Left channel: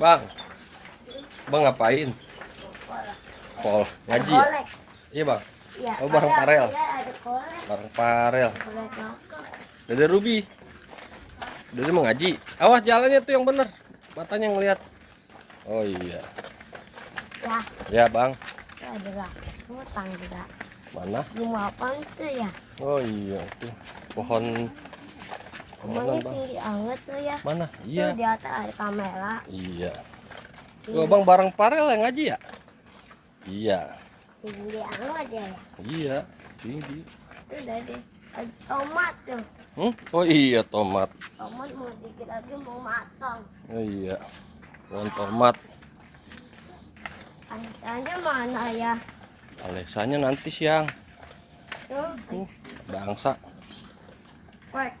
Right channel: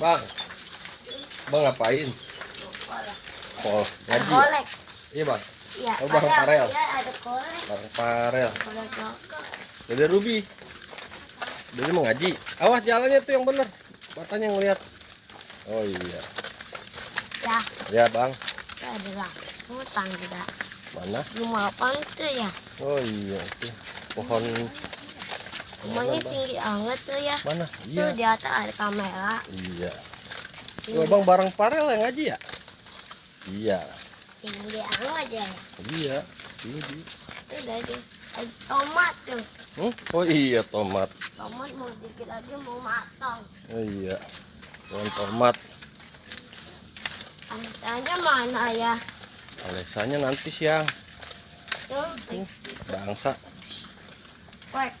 Bang, bang ngapain? Pol, ngaji ya? Iya bang. Iya, Oh bang Farel. Iya, ada kolek. Bang Farel. Kolek bakar. Dede Ruby. Dede mau ngaji. Awas jalannya tuh yang bener. Matanya ngelihat. Oh iya. Ya, Ya bang. itu adalah hutan juga. Mana? Rumah apa itu ya? Oh iya itu pohon. Rumahnya Bang? tinggi banget tuh ya. Mana? Tuh Iya. di atas ada kamera. Iya. Tinggi, Oh bang bareng Farel yang ngaji ya? Iya. tinggi banget ya. Iya. Tinggi. Itu dari ada tomat tuh. Oh iya tomat. Tomat mau dikit lagi mau matang. Oh iya. Pohon tomat. Alexanya mana ya? Alexanya nanti siang. Tuh, Ada angsa. kuek.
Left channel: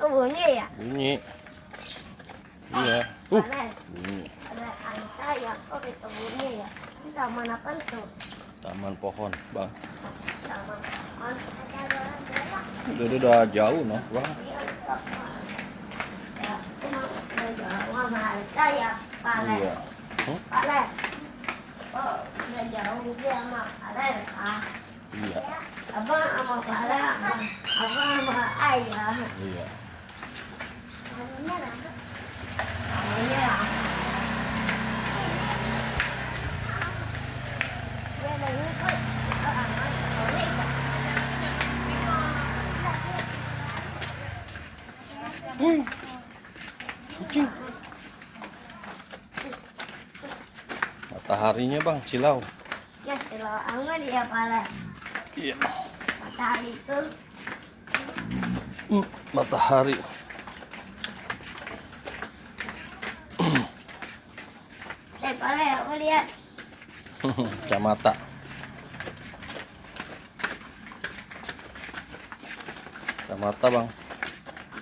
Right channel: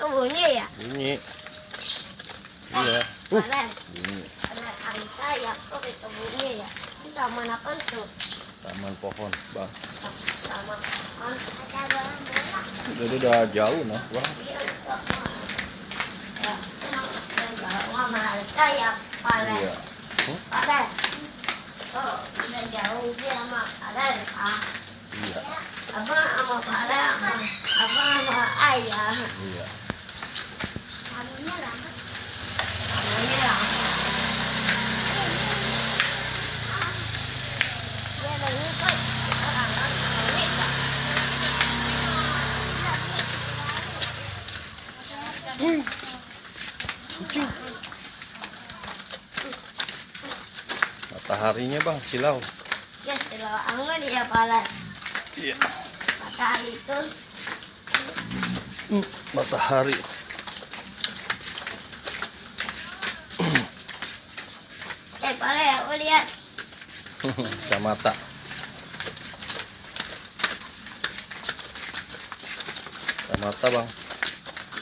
Kebunnya ya? Bunyi. Iya. Keren. Bunyi. Ada Alisa ya, kok di kebunnya ya? Ini taman apa tuh? Taman pohon, bang. Taman ada bola. Jadi udah jauh noh, bang. Ya, udah jauh sama Alisa ya, Palen. Iya. Palen. Oh, udah jauh dia sama Palen. Iya. Abang sama Palen, abang sama ayah. Iya. Anunya rambut. Anunya rambut. Dia lagi kok, anak kawin tak? Wih. Kucing. Mataharinya bang, silau. Ya, setelah angin ya Palen. Iya. Matahari itu. Matahari. Palen, aku lihat. Kacamata. Kacamata bang.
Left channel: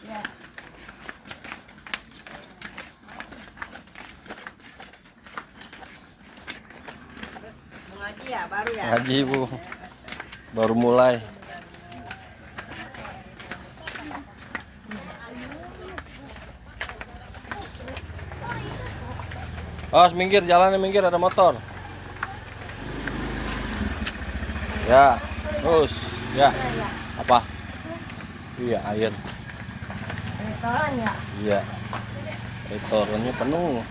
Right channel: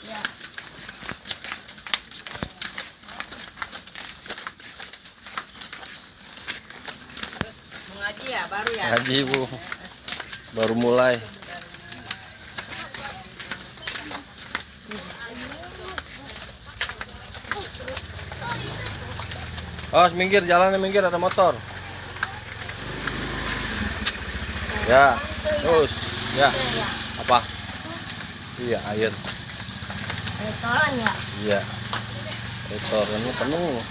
Ya. Ngaji ya baru ya. Ngaji bu. Baru mulai. Awas minggir, jalannya minggir, ada motor. Ya, terus, ya. Apa? Iya, air. Restoran ya? Iya. Restorannya penuh.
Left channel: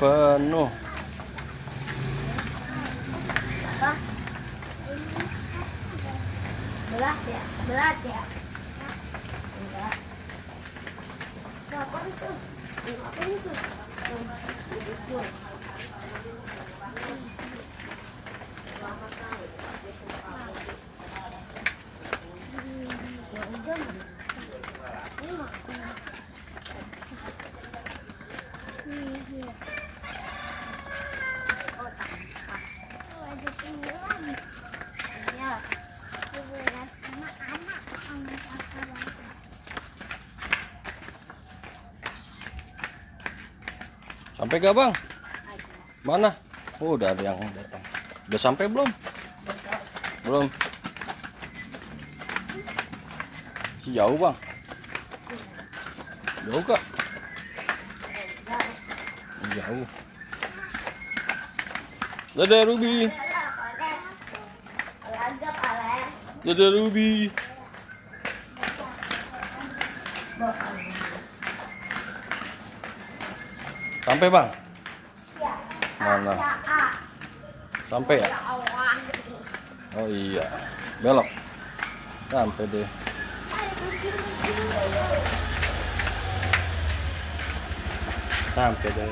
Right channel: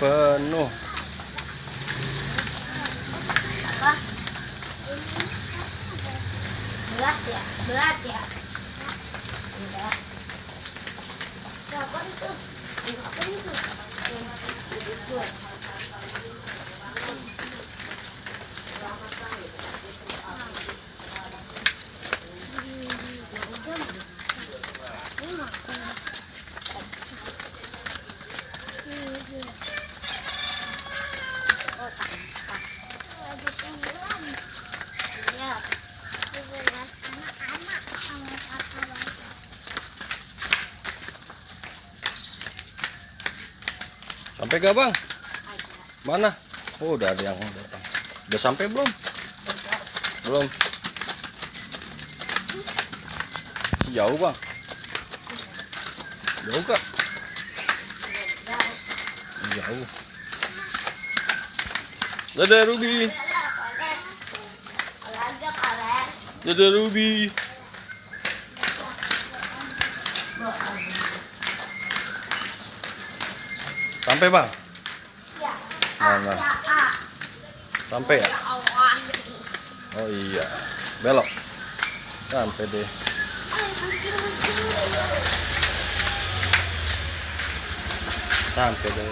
Penuh. Apa? Berat ya? Berat ya? Enggak. Apa itu? Apa itu? Itu. Oh, sampah. Ada tenggelam. Ya. Berat anak-anak sama kakak. Sampai gak bang? Mana? Oh, udah ada yang datang. Udah sampai belum? Belum. Jauh bang? Jauh kak? Jauh. Dadah Ruby. Olahraga Palen. Dadah Ruby. Sampai bang? Ya. Mana? Sampai ya? Ya Allah. Oh iya. Belok. Sampai deh. Sampai deh.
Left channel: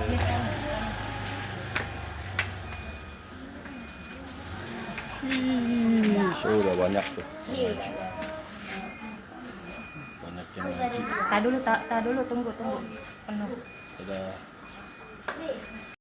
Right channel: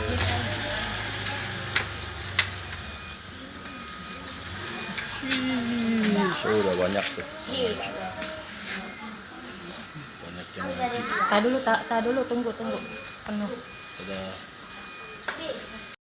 Sudah banyak tuh. Banyak yang ngaji. Tak dulu, tunggu. Penuh. Sudah.